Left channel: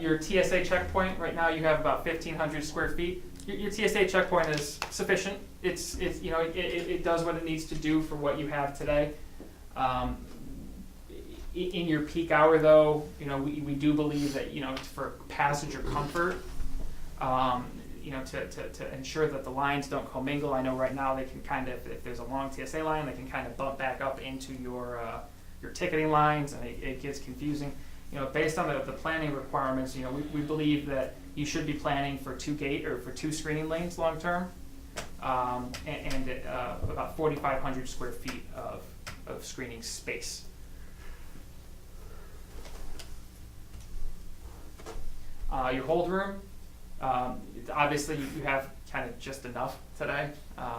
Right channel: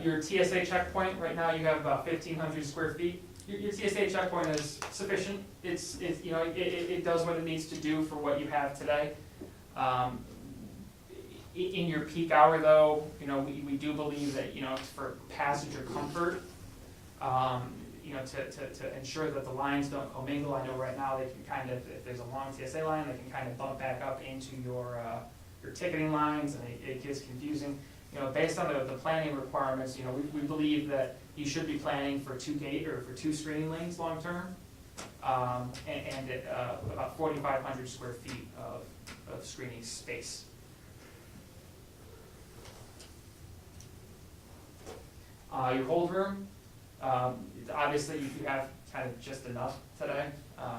Your TSA checkpoint, right now you have about 1,500 square feet. Your TSA checkpoint is sufficient. It's you know, it does what it needs to do for what you have today. In your peak hour though, you know, we do believe that, you know, for passenger comfort, you know, to ensure that the lines don't commingle. I know right now they can kind of, if there's a long TSA line, they can kind of bump back up into your ticketing lines, and it gets confusing. You know, based on the planning requirements, you know, we believe that you should be planning for two screening lanes long term, and about 4,500 square feet of screening space. Your hold room, obviously you have kind of just enough today.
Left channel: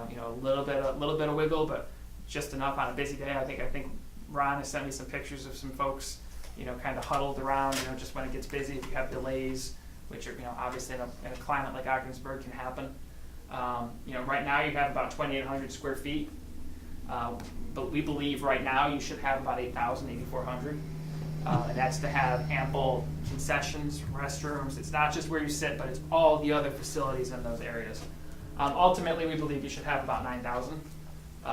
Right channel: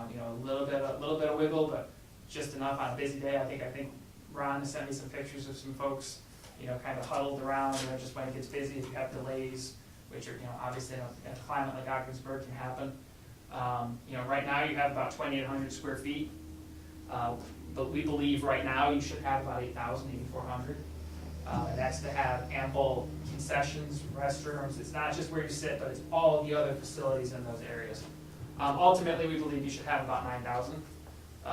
You know, a little bit of wiggle, but just enough on a busy day. I think Ron has sent me some pictures of some folks, you know, kind of huddled around. You know, just when it gets busy, if you have delays, which are, you know, obviously in a climate like Ogdensburg can happen. You know, right now you have about 2,800 square feet, but we believe right now you should have about 8,000, 8,400. And that's to have ample concessions, restrooms. It's not just where you sit, but it's all the other facilities in those areas. Ultimately, we believe you should have about 9,000.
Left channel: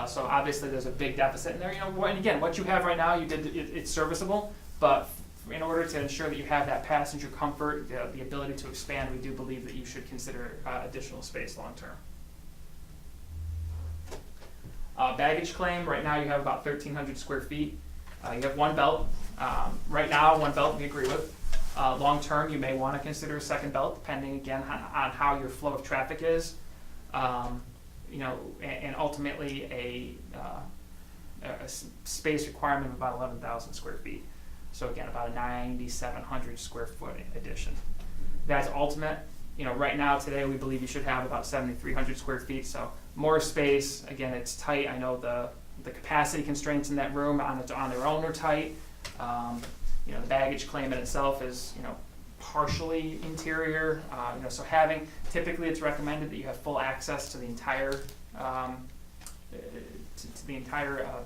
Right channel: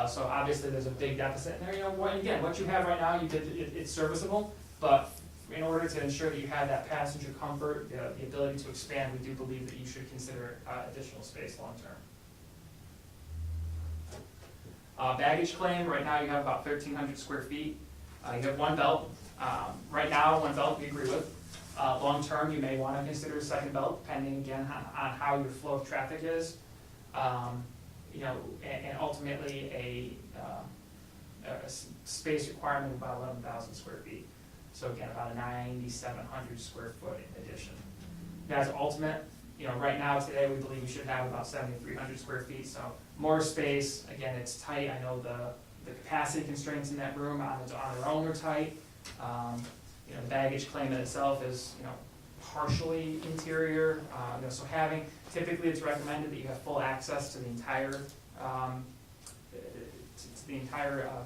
So obviously, there's a big deficit in there. You know, and again, what you have right now, it's serviceable. But in order to ensure that you have that passenger comfort, the ability to expand, we do believe that you should consider additional space long term. Baggage claim. Right now, you have about 1,300 square feet. You have one belt. Right now, one belt we agree with. Long term, you may want to consider a second belt, depending again on how your flow of traffic is. You know, and ultimately a space requirement of about 11,000 square feet. So again, about a 9,700 square foot addition. That's ultimate. You know, right now today we believe you should have about 7,300 square feet. So more space. Again, it's tight. I know the capacity constraints in that room on their own are tight. You know, the baggage claim in itself is, you know, partially interior. You know, so typically it's recommended that you have full access to the entire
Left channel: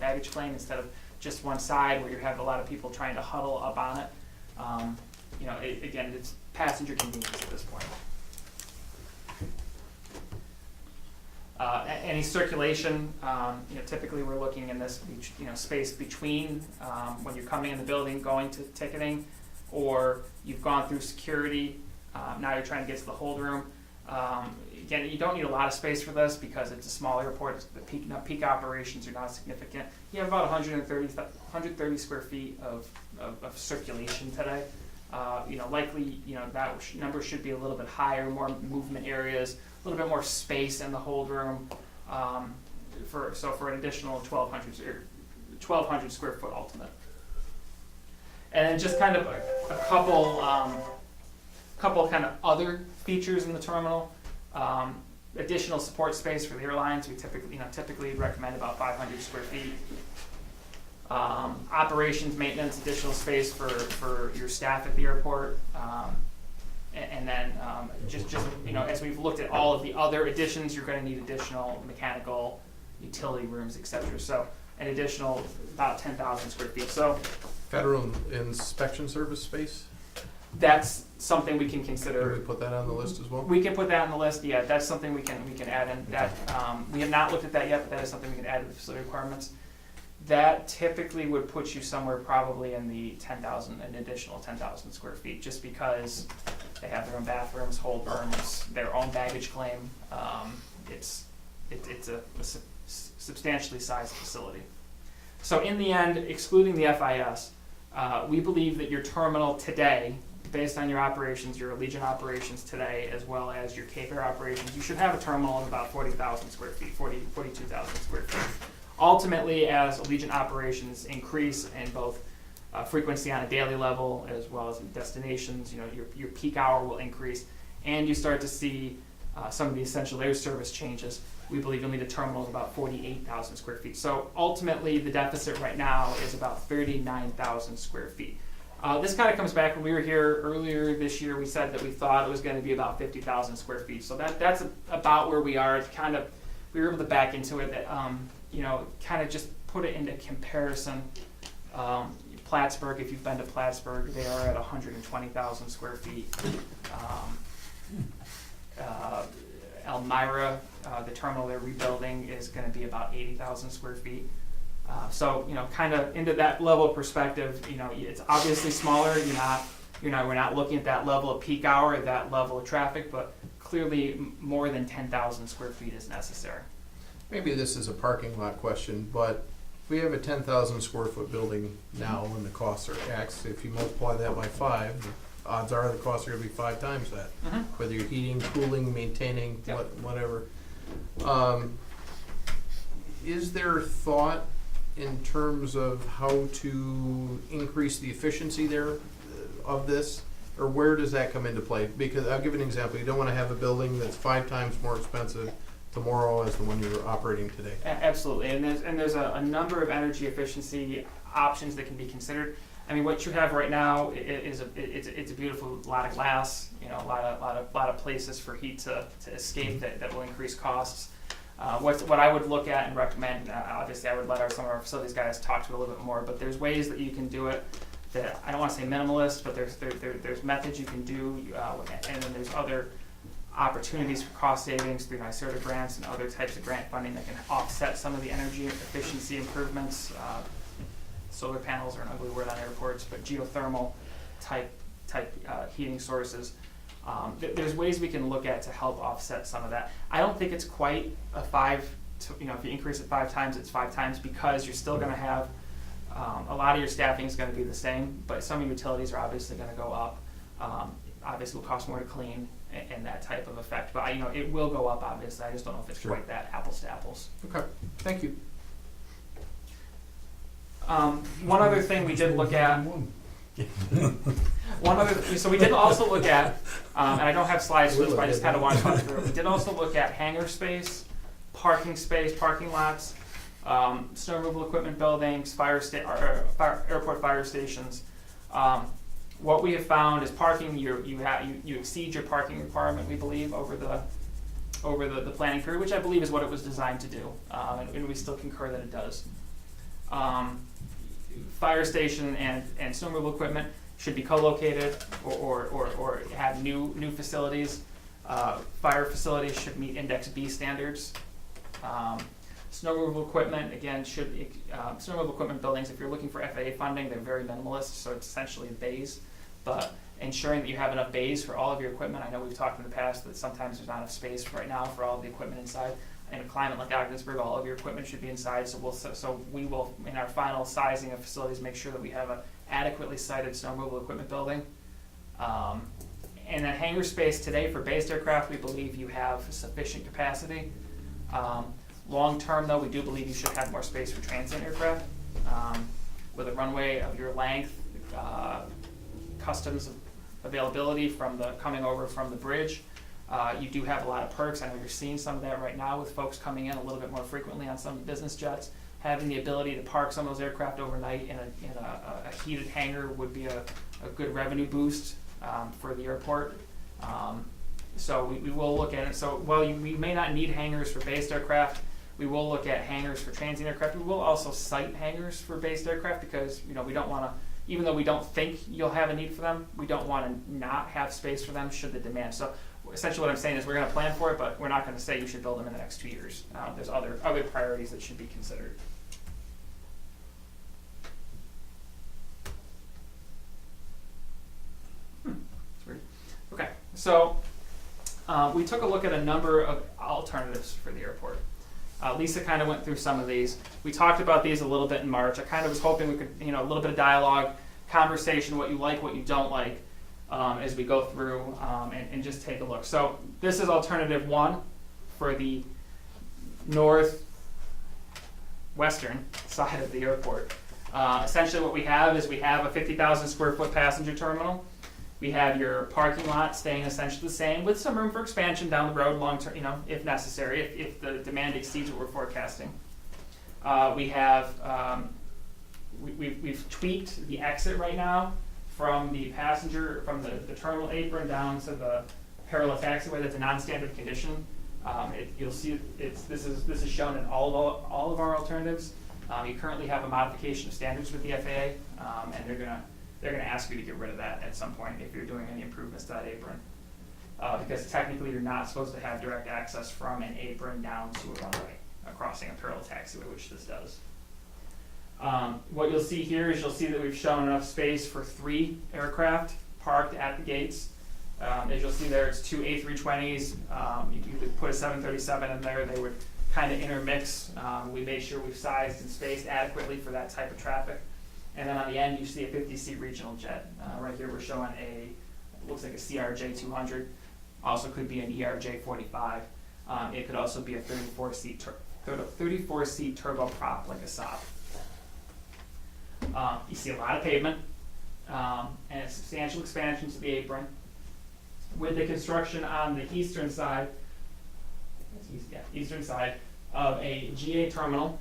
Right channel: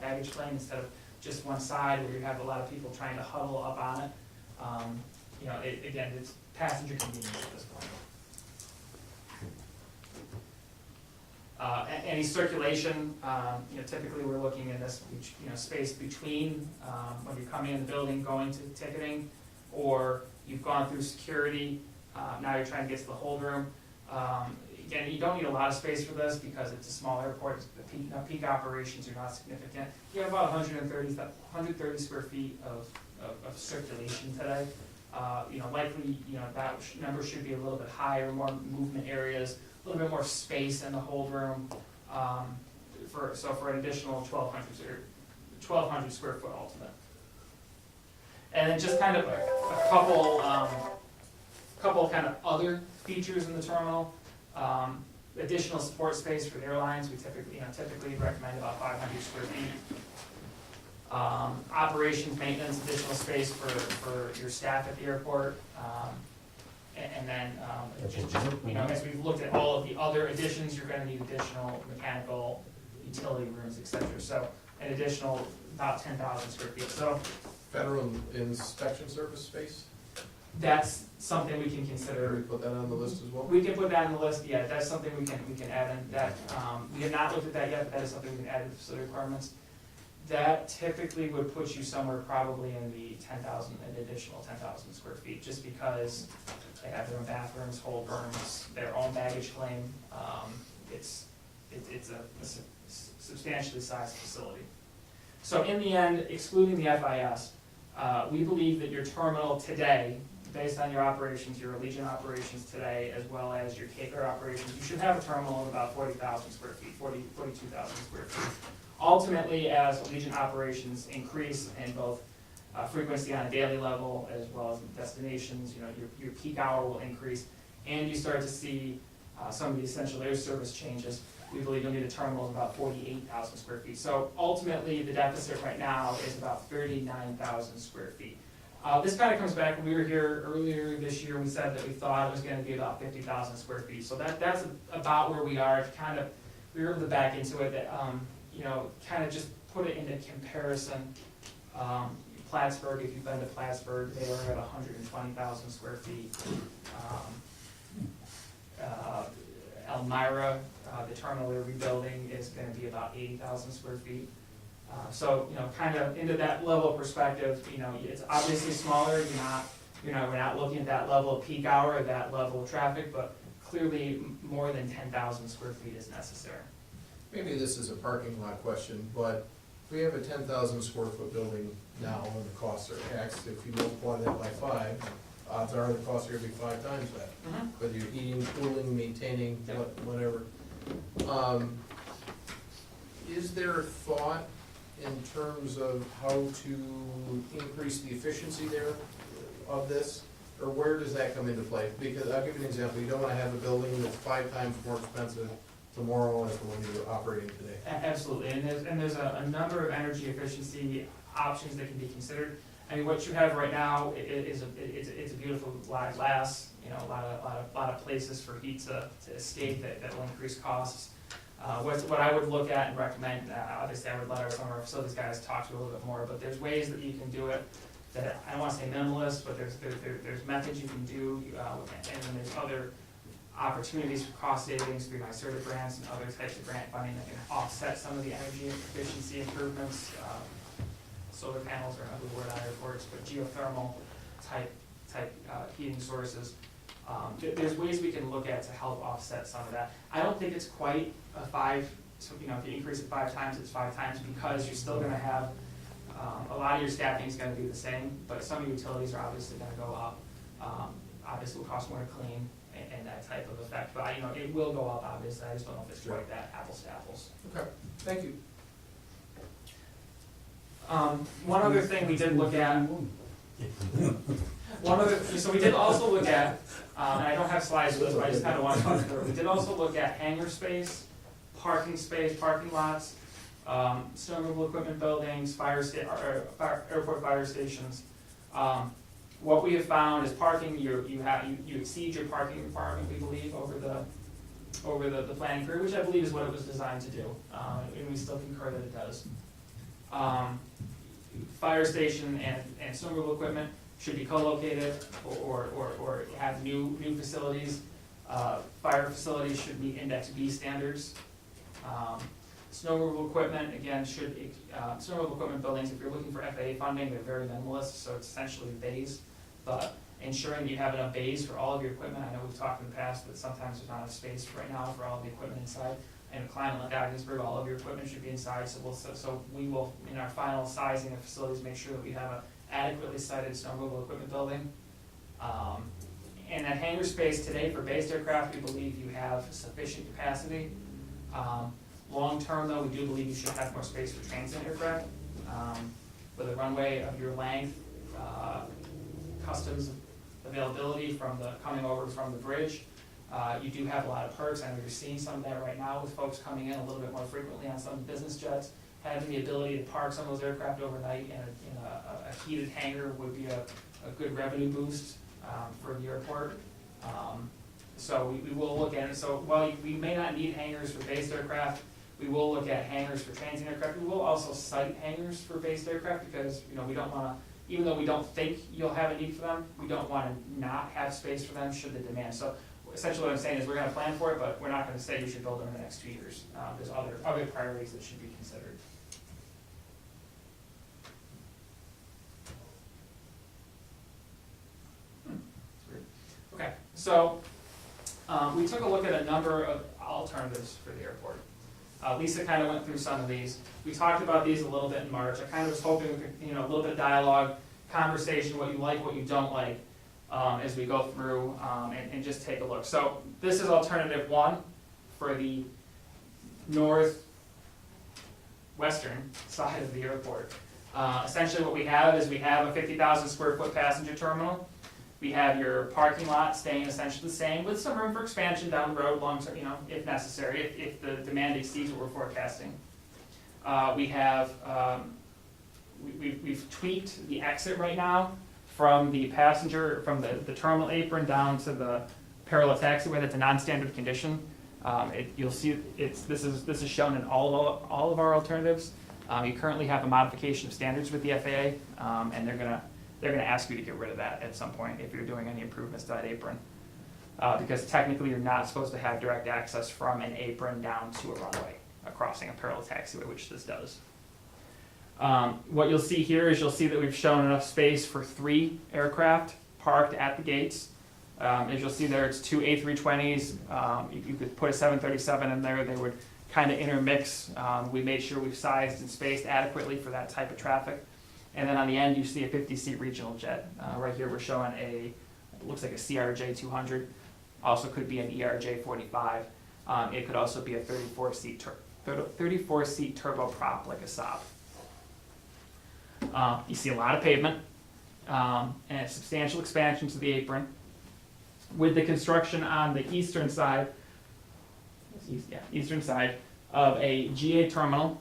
baggage claim instead of just one side where you have a lot of people trying to huddle up on it. You know, again, it's passenger convenience at this point. Any circulation, you know, typically we're looking in this, you know, space between when you're coming in the building, going to ticketing, or you've gone through security. Now you're trying to get to the hold room. Again, you don't need a lot of space for this because it's a small airport. The peak operations are not significant. You have about 130 square feet of circulation today. You know, likely, you know, that number should be a little bit higher, more movement areas, a little bit more space in the hold room. For an additional 1,200 square foot ultimate. And then just kind of a couple kind of other features in the terminal. Additional support space for the airlines. We typically recommend about 500 square feet. Operations, maintenance, additional space for your staff at the airport. And then just you know, as we've looked at all of the other additions, you're going to need additional mechanical, utility rooms, etc. So an additional about 10,000 square feet. So federal inspection service space. That's something we can consider. Can we put that on the list as well? We can put that on the list. Yeah, that's something we can add in. That we have not looked at that yet, but that is something we can add to the facility requirements. That typically would put you somewhere probably in the 10,000, an additional 10,000 square feet, just because they have their own bathrooms, hold rooms, their own baggage claim. It's a substantially sized facility. So in the end, excluding the FIS, we believe that your terminal today, based on your operations, your Allegiant operations today, as well as your Cape Air operations, you should have a terminal of about 40,000 square feet, 42,000 square feet. Ultimately, as Allegiant operations increase in both frequency on a daily level as well as destinations, you know, your peak hour will increase, and you start to see some of the essential air service changes. We believe you'll need a terminal of about 48,000 square feet. So ultimately, the deficit right now is about 39,000 square feet. This kind of comes back when we were here earlier this year. We said that we thought it was going to be about 50,000 square feet. So that's about where we are. It's kind of, we were able to back into it. That you know, kind of just put it into comparison. Plattsburgh, if you've been to Plattsburgh, they are at 120,000 square feet. Elmira, the terminal they're rebuilding is gonna be about 80,000 square feet. So, kind of into that level of perspective, it's obviously smaller, we're not looking at that level of peak hour, that level of traffic, but clearly more than 10,000 square feet is necessary. Maybe this is a parking lot question, but if we have a 10,000 square foot building now and the costs are X, if you multiply that by 5, odds are the costs are gonna be 5 times that. Whether you're heating, cooling, maintaining, Yep. whatever. Is there thought in terms of how to increase the efficiency there of this? Or where does that come into play? Because I'll give you an example. You don't wanna have a building that's 5 times more expensive tomorrow as the one you're operating today. Absolutely, and there's a number of energy efficiency options that can be considered. I mean, what you have right now is it's a beautiful lot of glass, a lot of places for heat to escape that will increase costs. What I would look at and recommend, obviously I would let some of our facilities guys talk to it a little bit more, but there's ways that you can do it that, I don't wanna say minimalist, but there's methods you can do, and then there's other opportunities for cost savings through NYSERDA grants and other types of grant funding that can offset some of the energy efficiency improvements. Solar panels are an ugly word on airports, but geothermal type heating sources. There's ways we can look at to help offset some of that. I don't think it's quite a 5, if you increase it 5 times, it's 5 times, because you're still gonna have, a lot of your staffing is gonna be the same, but some of your utilities are obviously gonna go up. Obviously will cost more to clean and that type of effect, but it will go up, obviously. I just don't know if it's Sure. quite that apples to apples. Okay, thank you. One other thing we did look at, so we did also look at, and I don't have slides for this, but I just kind of want to talk through it. We did also look at hangar space, parking lots, snow removal equipment buildings, airport fire stations. What we have found is parking, you exceed your parking requirement, we believe, over the planning period, which I believe is what it was designed to do, and we still concur that it does. Fire station and snow removal equipment should be co-located or have new facilities. Fire facilities should meet Index B standards. Snow removal equipment, again, snow removal equipment buildings, if you're looking for FAA funding, they're very minimalist, so it's essentially bays. But ensuring that you have enough bays for all of your equipment. I know we've talked in the past that sometimes there's not enough space right now for all of the equipment inside. In a climate like Ogdensburg, all of your equipment should be inside, so we will, in our final sizing of facilities, make sure that we have an adequately sited snow removal equipment building. And that hangar space today for based aircraft, we believe you have sufficient capacity. Long term, though, we do believe you should have more space for transient aircraft. With a runway of your length, customs availability coming over from the bridge. You do have a lot of perks. I know you're seeing some of that right now with folks coming in a little bit more frequently on some business jets. Having the ability to park some of those aircraft overnight in a heated hangar would be a good revenue boost for the airport. So we will look at it. So while we may not need hangars for based aircraft, we will look at hangars for transient aircraft. We will also site hangars for based aircraft because we don't want to, even though we don't think you'll have a need for them, we don't want to not have space for them should the demand. So essentially what I'm saying is we're going to plan for it, but we're not going to say you should build them in the next 2 years. There's other priorities that should be considered. Okay, so we took a look at a number of alternatives for the airport. Lisa kind of went through some of these. We talked about these a little bit in March. I kind of was hoping we could, a little bit of dialogue, conversation, what you like, what you don't like, as we go through and just take a look. So this is alternative 1 for the northwestern side of the airport. Essentially what we have is we have a 50,000 square foot passenger terminal. We have your parking lot staying essentially the same with some room for expansion down the road long term, if necessary, if the demand exceeds what we're forecasting. We have, we've tweaked the exit right now from the the terminal apron down to the parallel taxiway. That's a non-standard condition. You'll see this is shown in all of our alternatives. You currently have a modification of standards with the FAA, and they're gonna ask you to get rid of that at some point if you're doing any improvements to that apron. Because technically you're not supposed to have direct access from an apron down to a runway, crossing a parallel taxiway, which this does. What you'll see here is you'll see that we've shown enough space for 3 aircraft parked at the gates. As you'll see there, it's 2 A320s. You could put a 737 in there. They would kind of intermix. We made sure we've sized and spaced adequately for that type of traffic. And then on the end, you see a 50-seat regional jet. Right here, we're showing looks like a CRJ 200. Also could be an ERJ 45. It could also be a 34-seat turboprop like a Saab. You see a lot of pavement and substantial expansion to the apron. With the construction on the eastern side of a GA terminal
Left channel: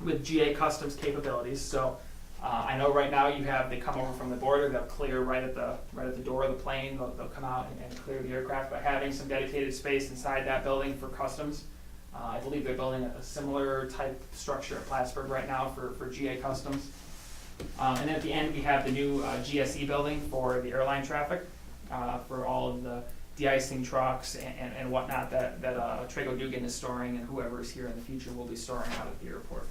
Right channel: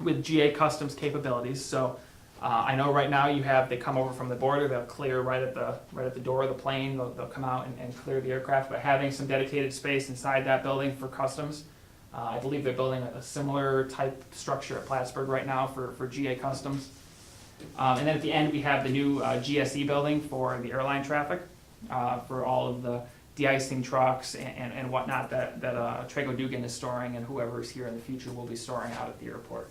with GA customs capabilities. So I know right now they come over from the border, they'll clear right at the door of the plane, they'll come out and clear the aircraft, but having some dedicated space inside that building for customs. I believe they're building a similar type structure at Plattsburgh right now for GA customs. And then at the end we have the new GSE building for the airline traffic, for all of the de-icing trucks and whatnot that Trago Dugan is storing, and whoever is here in the future will be storing out at the airport.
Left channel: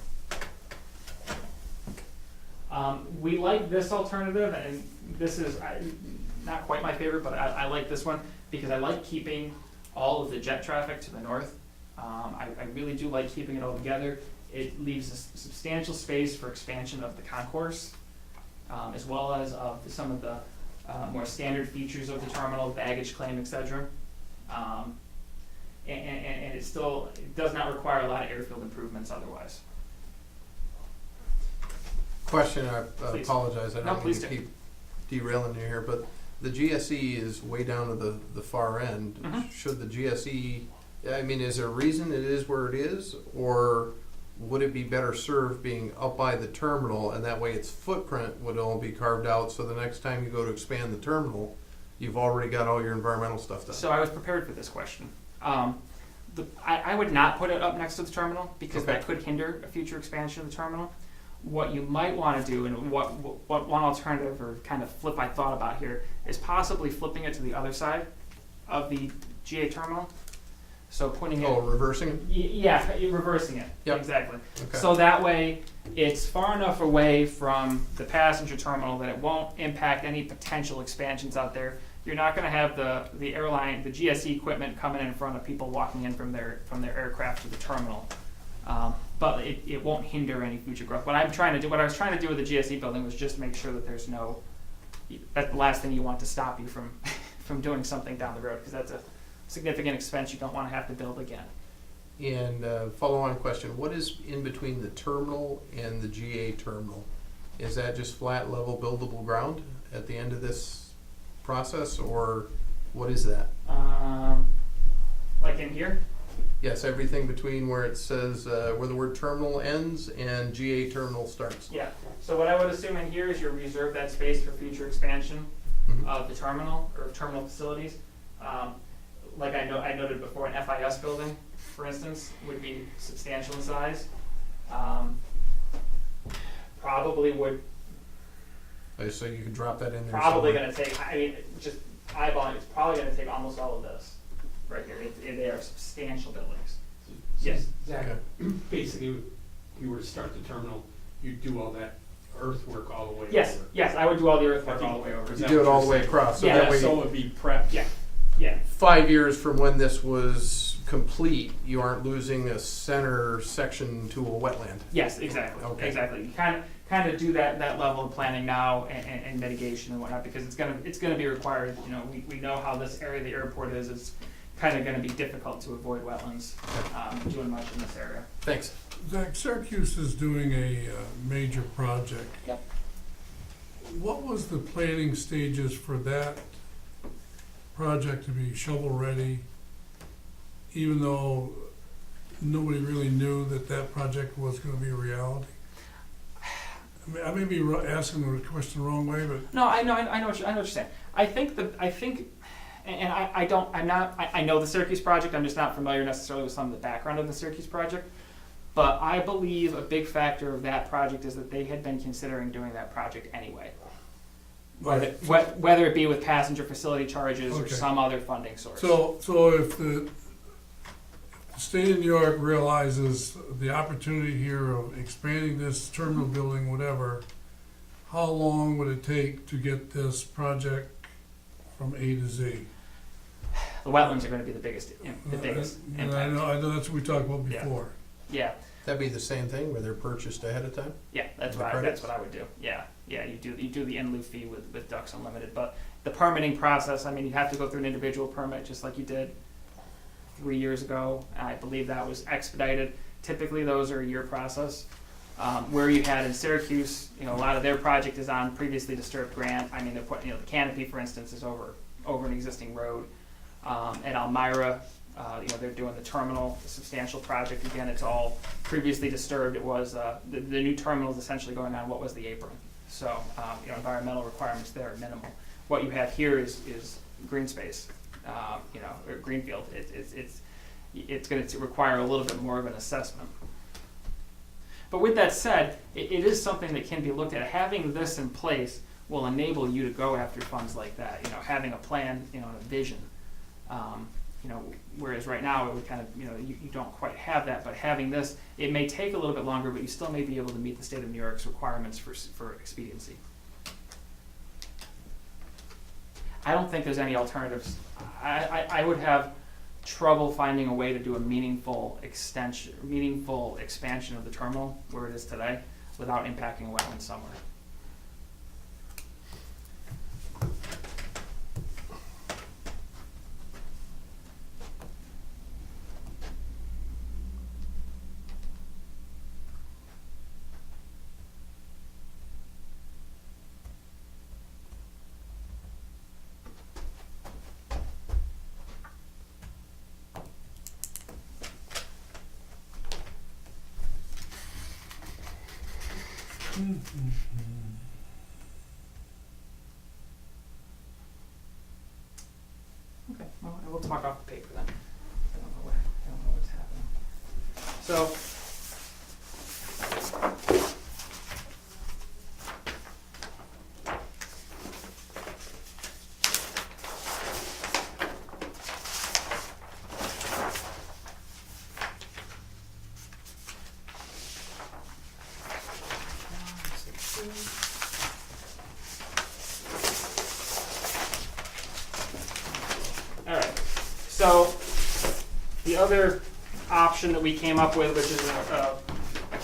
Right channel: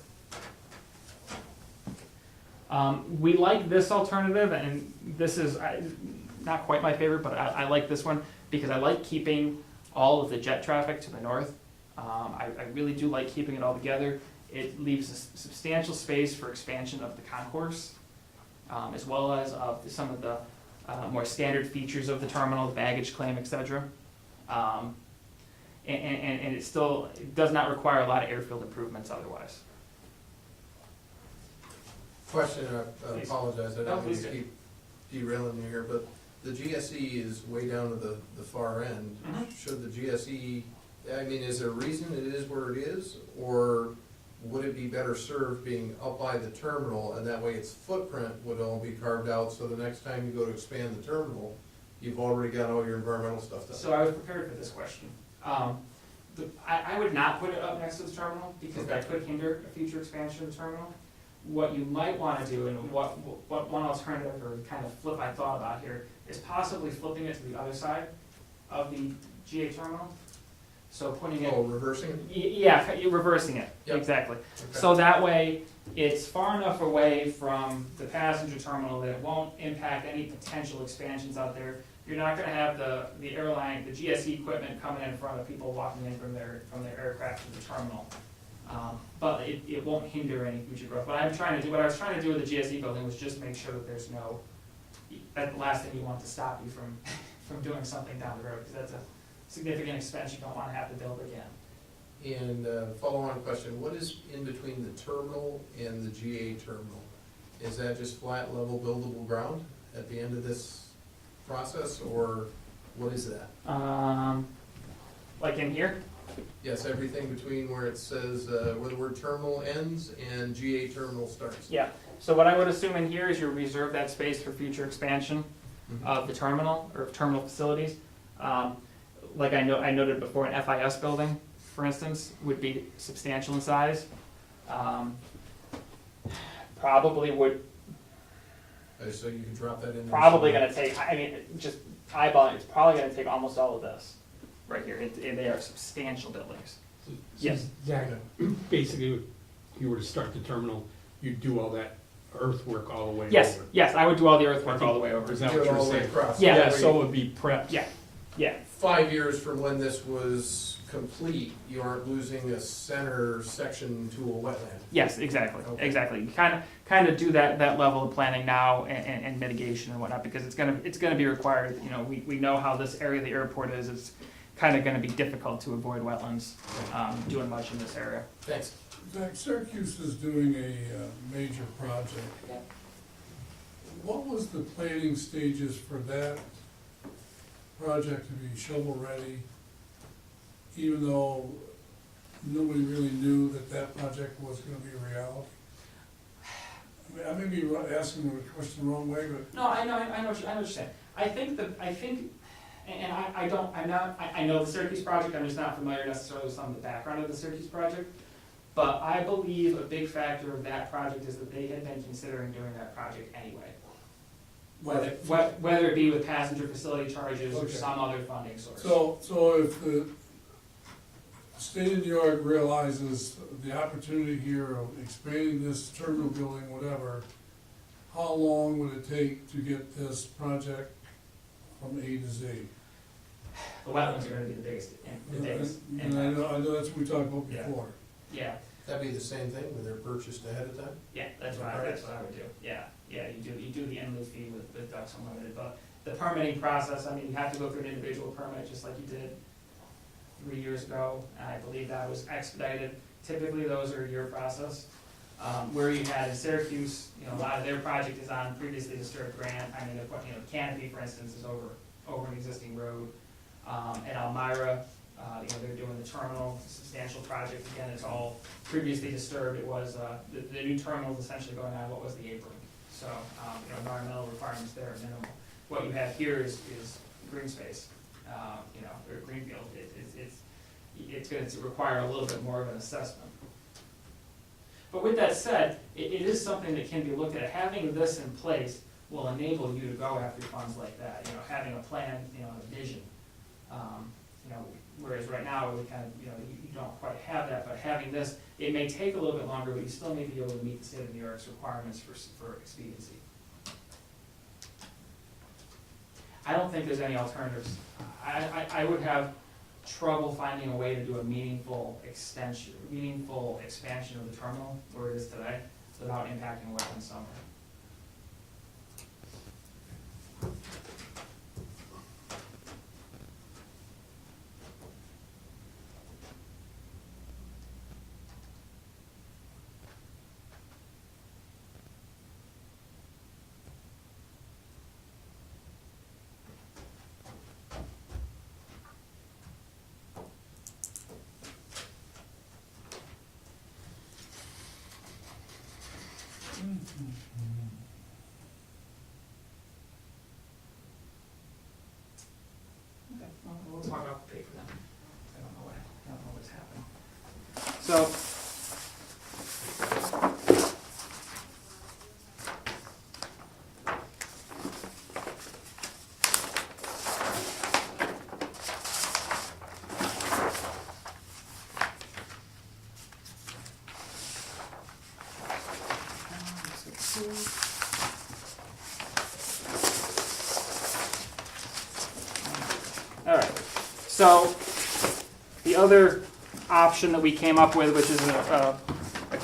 We like this alternative, and this is not quite my favorite, but I like this one because I like keeping all of the jet traffic to the north. I really do like keeping it all together. It leaves a substantial space for expansion of the concourse, as well as of some of the more standard features of the terminal, baggage claim, etc. And it does not require a lot of airfield improvements otherwise. Question, I Please. apologize, I No, don't mean please to do. keep derailing you here, but the GSE is way down to the far end. Mhm. Should the GSE, I mean, is there a reason it is where it is, or would it be better served being up by the terminal, and that way its footprint would all be carved out, so the next time you go to expand the terminal, you've already got all your environmental stuff done? So I was prepared for this question. I would not put it up next to the terminal because Okay. that could hinder a future expansion of the terminal. What you might want to do, and what one alternative or kind of flip I thought about here, is possibly flipping it to the other side of the GA terminal. So putting it, Oh, reversing it? yeah, you're reversing it. Yep. Exactly. Okay. So that way, it's far enough away from the passenger terminal that it won't impact any potential expansions out there. You're not going to have the airline, the GSE equipment coming in front of people walking in from their aircraft to the terminal. But it won't hinder any future growth. What I was trying to do with the GSE building was just make sure that that's the last thing you want to stop you from doing something down the road, because that's a significant expense you don't want to have to build again. And follow-on question, what is in between the terminal and the GA terminal? Is that just flat, level, buildable ground at the end of this process, or what is that? Like in here? Yes, everything between where it says, where the word terminal ends and GA terminal starts. Yeah. So what I would assume in here is you reserve that space for future expansion Mhm. of the terminal or terminal facilities. Like I noted before, an FIS building, for instance, would be substantial in size. Probably would So you could drop that in there. probably somewhere. going to take. I mean, just eyeballing, it's probably going to take almost all of this right here. They are substantial buildings. Yes. Zach, basically, if you were to start the terminal, you'd do all that earthwork all the way Yes. over. Yes, I would do all the earthwork all the way over. Is You that do it what all you're the way saying? across. Yeah, that way So it would be prepped. Yeah. Yeah. 5 years from when this was complete, you aren't losing a center section to a wetland. Yes, exactly. Okay. Exactly. You kind of do that level of planning now and mitigation and whatnot, because it's gonna be required. You know, we know how this area of the airport is. It's kind of going to be difficult to avoid wetlands doing much in this area. Thanks. Zach, Syracuse is doing a major project. Yep. What was the planning stages for that project to be shovel-ready, even though nobody really knew that project was gonna be a reality? I mean, I may be asking the question the wrong way, but No, I know what you're saying. I know the Syracuse project. I'm just not familiar necessarily with some of the background of the Syracuse project. But I believe a big factor of that project is that they had been considering doing that project anyway. Whether it be with passenger facility charges or Okay. some other funding source. So if the state of New York realizes the opportunity here of expanding this terminal building, whatever, how long would it take to get this project from A to Z? The wetlands are gonna be the biggest And I impact. know that's what we talked about Yeah. before. Yeah, That'd be the same thing where they're purchased ahead of time? yeah, that's The what credits? I would do, yeah, you do the in lieu fee with Ducks Unlimited, but the permitting process, I mean, you have to go through an individual permit, just like you did 3 years ago, I believe that was expedited, typically those are a year process. Where you had in Syracuse, you know, a lot of their project is on previously disturbed grant, I mean, they're putting, you know, the canopy, for instance, is over an existing road. At Elmira, you know, they're doing the terminal, the substantial project, again, it's all previously disturbed, it was, the new terminal is essentially going on what was the apron. So, you know, environmental requirements there are minimal. What you have here is green space, you know, or greenfield, it's gonna require a little bit more of an assessment. But with that said, it is something that can be looked at. Having this in place will enable you to go after funds like that, you know, having a plan, you know, a vision. You know, whereas right now, it would kind of, you know, you don't quite have that, but having this, it may take a little bit longer, but you still may be able to meet the state of New York's requirements for expediency. I don't think there's any alternatives. I would have trouble finding a way to do a meaningful expansion of the terminal where it is today without impacting a wetland somewhere. Okay, well, we'll talk off the paper then. I don't know what's happening. So, all right. So, the other option that we came up with, which is a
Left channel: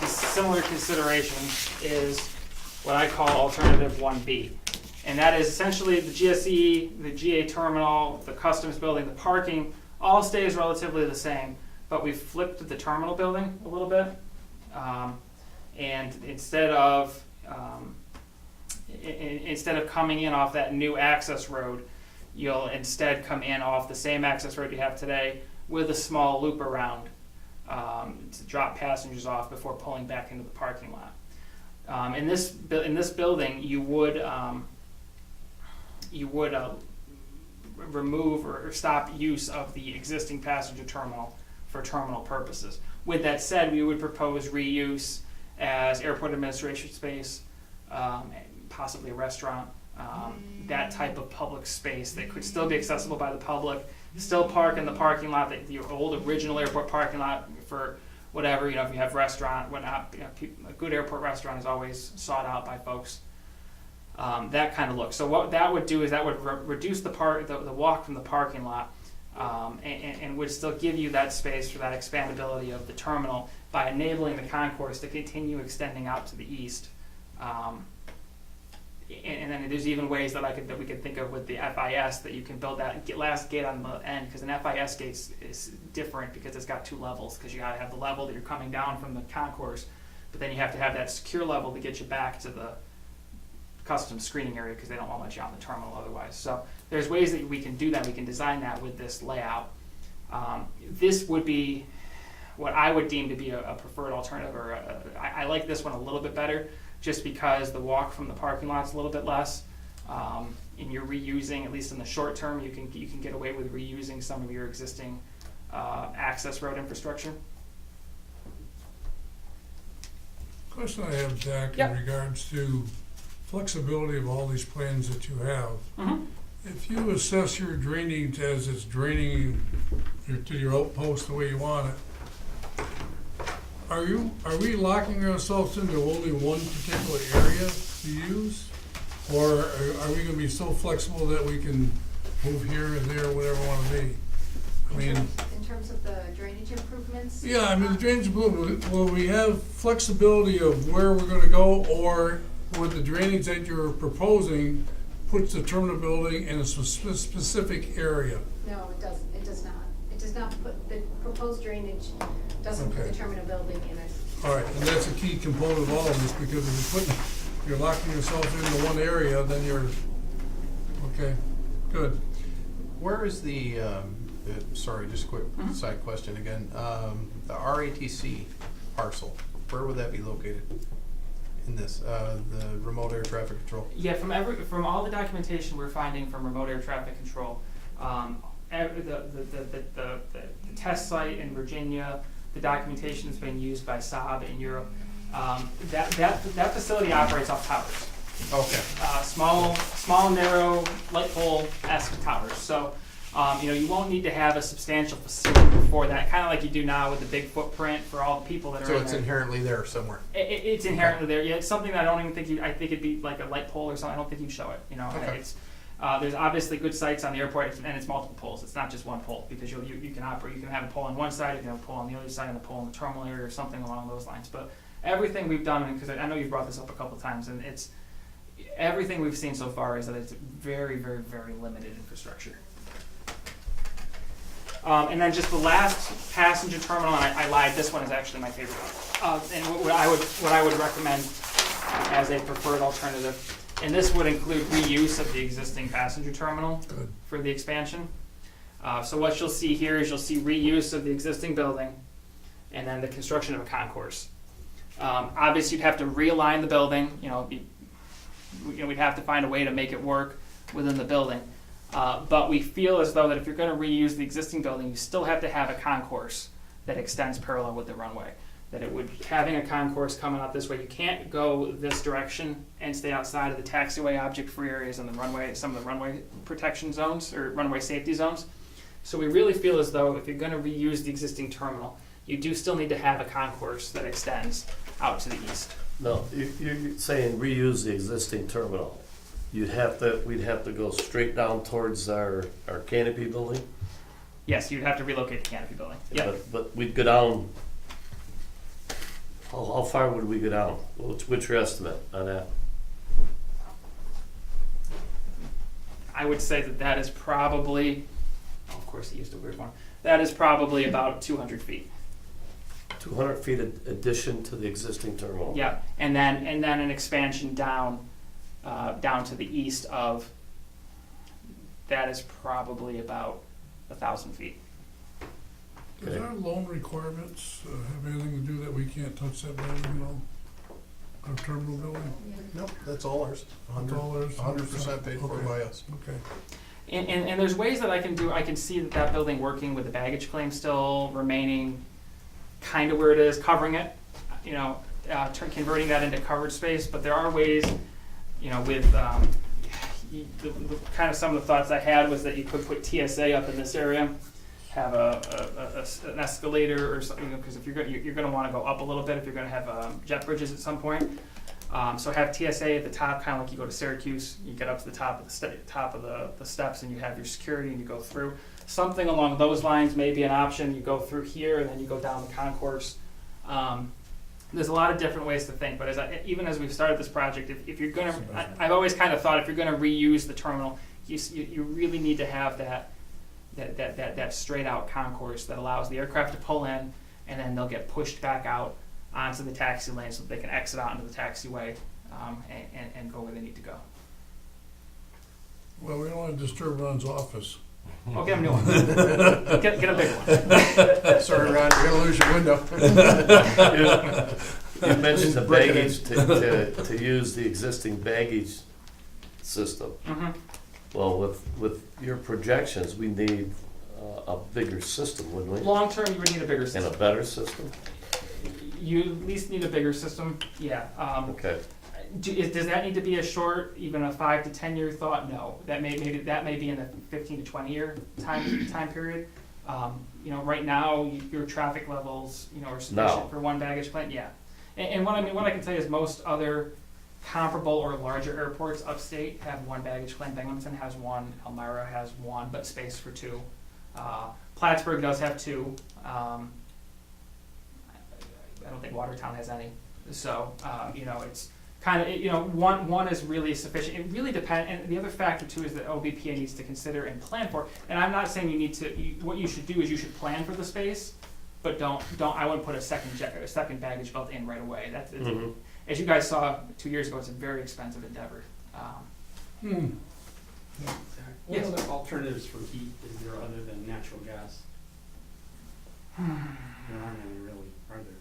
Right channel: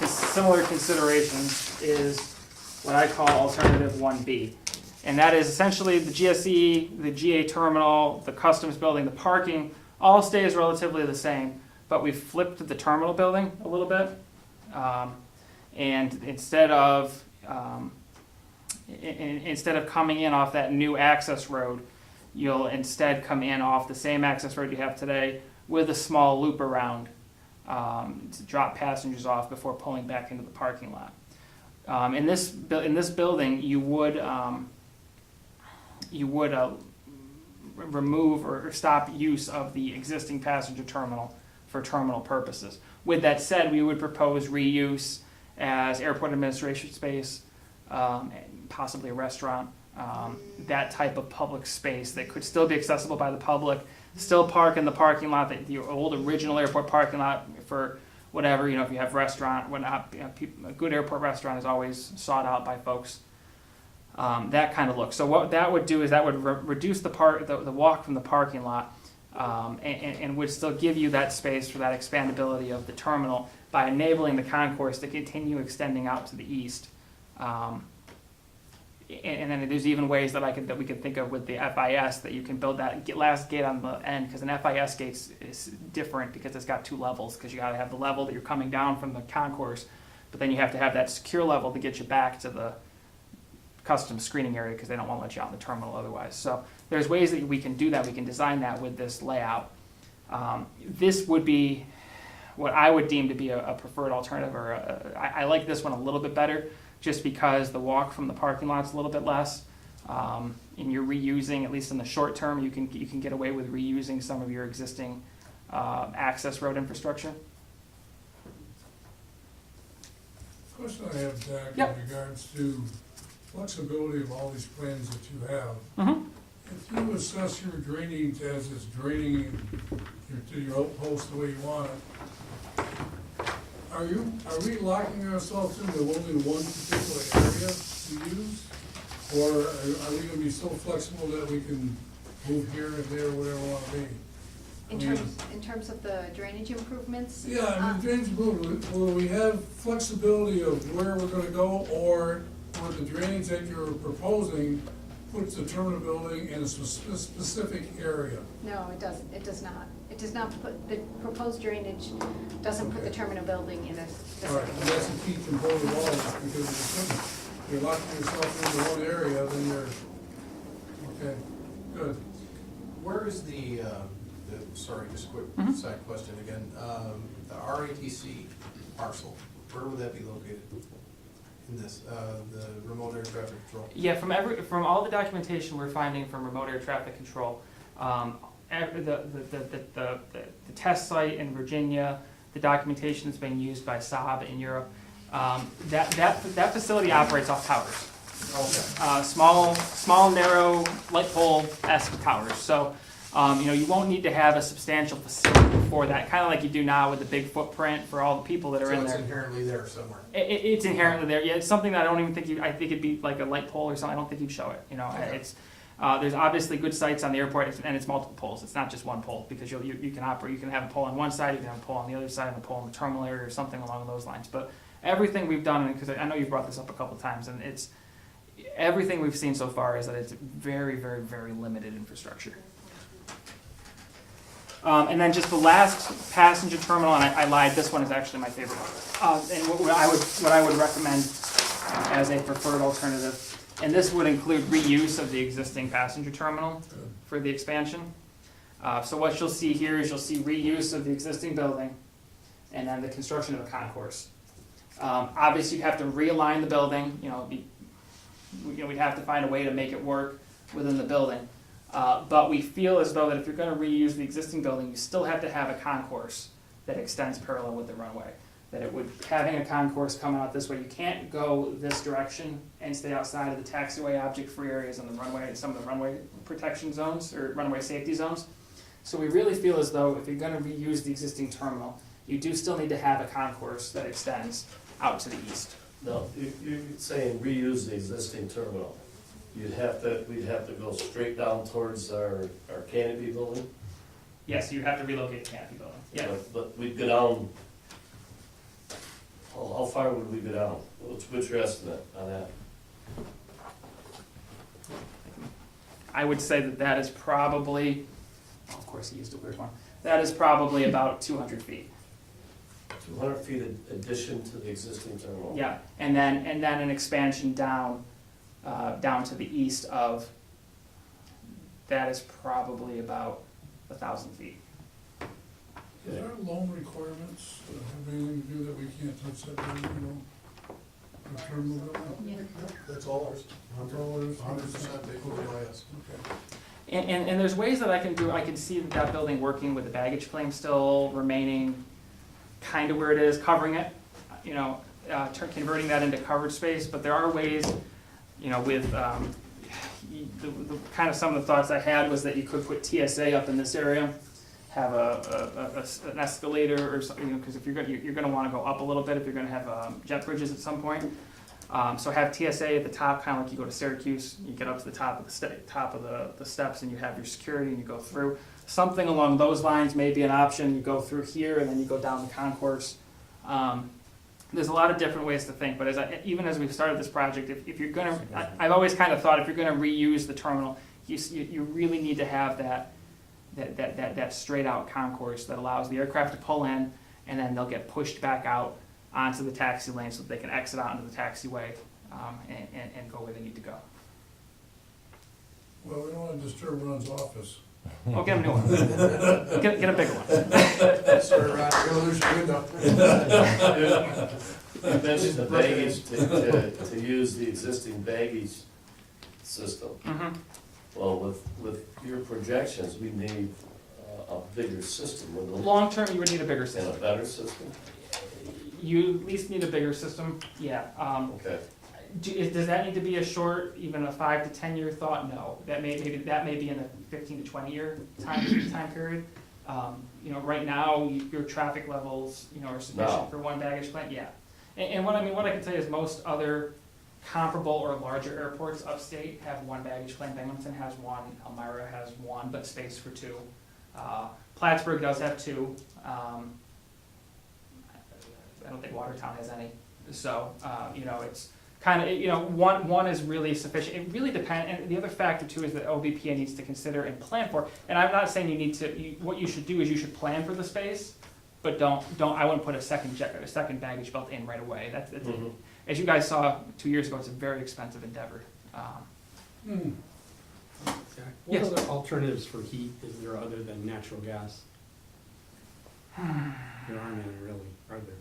similar consideration, is what I call alternative 1B. And that is essentially the GSE, the GA terminal, the customs building, the parking, all stays relatively the same, but we've flipped the terminal building a little bit. And instead of coming in off that new access road, you'll instead come in off the same access road you have today with a small loop around to drop passengers off before pulling back into the parking lot. In this building, you would remove or stop use of the existing passenger terminal for terminal purposes. With that said, we would propose reuse as airport administration space, possibly a restaurant, that type of public space that could still be accessible by the public, still park in the parking lot, the old original airport parking lot for whatever, you know, if you have restaurant, whatnot, you know, a good airport restaurant is always sought out by folks. That kind of look. So what that would do is that would reduce the walk from the parking lot, and would still give you that space for that expandability of the terminal by enabling the concourse to continue extending out to the east. And then there's even ways that we could think of with the FIS that you can build that last gate on the end, because an FIS gate is different because it's got two levels, because you got to have the level that you're coming down from the concourse, but then you have to have that secure level to get you back to the custom screening area because they don't want to let you on the terminal otherwise. So there's ways that we can do that. We can design that with this layout. This would be what I would deem to be a preferred alternative, or I like this one a little bit better, just because the walk from the parking lot is a little bit less, and you're reusing, at least in the short term, you can get away with reusing some of your existing access road infrastructure. Question I have, Dak, Yep. in regards to flexibility of all these plans that you have. Mm-hmm. If you assess your drainage as it's draining to your outpost the way you want it, are we locking ourselves into only one particular area to use? Or are we gonna be so flexible that we can move here and there, whatever we wanna be? I mean, In terms of the drainage improvements? yeah, I mean, the drainage improvement, will we have flexibility of where we're gonna go, or with the drainage that you're proposing puts the terminal building in a specific area? No, it doesn't, it does not. It does not put, the proposed drainage doesn't put the Okay. terminal building in a. All right, and that's a key component of all of this, because if you're locking yourself into one area, then you're, okay, good. Where is the, sorry, just a quick Mhm. side question again, the RATC parcel, where would that be located in this, the remote air traffic control? Yeah, from all the documentation we're finding from remote air traffic control, the test site in Virginia, the documentation that's been used by Saab in Europe, that facility operates off towers. Okay. Small, narrow, light pole-esque towers. So, you won't need to have a substantial facility for that, kind of like you do now with the big footprint for all the people that are So in it's there. inherently there somewhere? It's inherently there. Yeah, it's something that I don't even think I think it'd be like a light pole or something. I don't think you'd show it. Okay. It's there's obviously good sites on the airport, and it's multiple poles. It's not just one pole, because you can operate. You can have a pole on one side, you can have a pole on the other side, and a pole in the terminal area, or something along those lines. But everything we've done, because I know you've brought this up a couple of times, and it's everything we've seen so far is that it's very, very, very limited infrastructure. And then just the last passenger terminal, and I lied, this one is actually my favorite one. And what I would recommend as a preferred alternative, and this would include reuse of the existing passenger terminal Good. for the expansion. So what you'll see here is you'll see reuse of the existing building, and then the construction of a concourse. Obviously, you'd have to realign the building. We'd have to find a way to make it work within the building. But we feel as though that if you're going to reuse the existing building, you still have to have a concourse that extends parallel with the runway. That it would, having a concourse coming out this way, you can't go this direction and stay outside of the taxiway object-free areas and the runway, some of the runway protection zones or runway safety zones. So we really feel as though if you're going to reuse the existing terminal, you do still need to have a concourse that extends out to the east. No, you're saying reuse the existing terminal. We'd have to go straight down towards our canopy building? Yes, you'd have to relocate the canopy building. Yeah. But we'd go down, how far would we go down? What's your estimate on that? I would say that is probably, of course he used a weird one, that is probably about 200 feet. 200 feet addition to the existing terminal? Yeah, and then an expansion down to the east of, that is probably about 1,000 feet. Does our loan requirements have anything to do that we can't touch that building, our terminal building? Nope, that's all ours. All ours? 100% paid for Okay. by us. Okay. And there's ways that I can see that building working with the baggage claim still remaining kind of where it is, covering it, converting that into covered space, but there are ways, with kind of some of the thoughts I had was that you could put TSA up in this area, have an escalator or something, because if you're going to want to go up a little bit if you're going to have jet bridges at some point. So have TSA at the top, kind of like you go to Syracuse. You get up to the top of the steps, and you have your security, and you go through. Something along those lines may be an option. You go through here, and then you go down the concourse. There's a lot of different ways to think, but even as we've started this project, if you're going to, I've always kind of thought if you're going to reuse the terminal, you really need to have that straight out concourse that allows the aircraft to pull in, and then they'll get pushed back out onto the taxi lane so that they can exit out into the taxiway and go where they need to go. Well, we don't want to disturb Ron's office. Oh, get a new one. Get a big one. Sorry, Ron, you're gonna lose your window. You mentioned the baggage to use the existing baggage system. Mm-hmm. Well, with your projections, we need a bigger system, wouldn't we? Long term, you would need a bigger And system. a better system? You at least need a bigger system, yeah. Okay, Does that need to be a short, even a 5 to 10 year thought? No. That may be in a 15 to 20 year time period. You know, right now, your traffic levels, you know, are No. sufficient for one baggage claim, yeah. And what I can tell you is most other comparable or larger airports upstate have one baggage claim. Binghamton has one, Elmira has one, but space for two. Plattsburgh does have two. I don't think Watertown has any. So, you know, it's kind of, you know, one is really sufficient. It really depends, and the other factor too is that OBPA needs to consider and plan for. And I'm not saying you need to. What you should do is you should plan for the space, but don't. I wouldn't put a second baggage belt in right away. That's as you guys saw 2 years ago. It's a very expensive endeavor. What Yes. other alternatives for heat is there other than natural gas? There aren't any really, are there,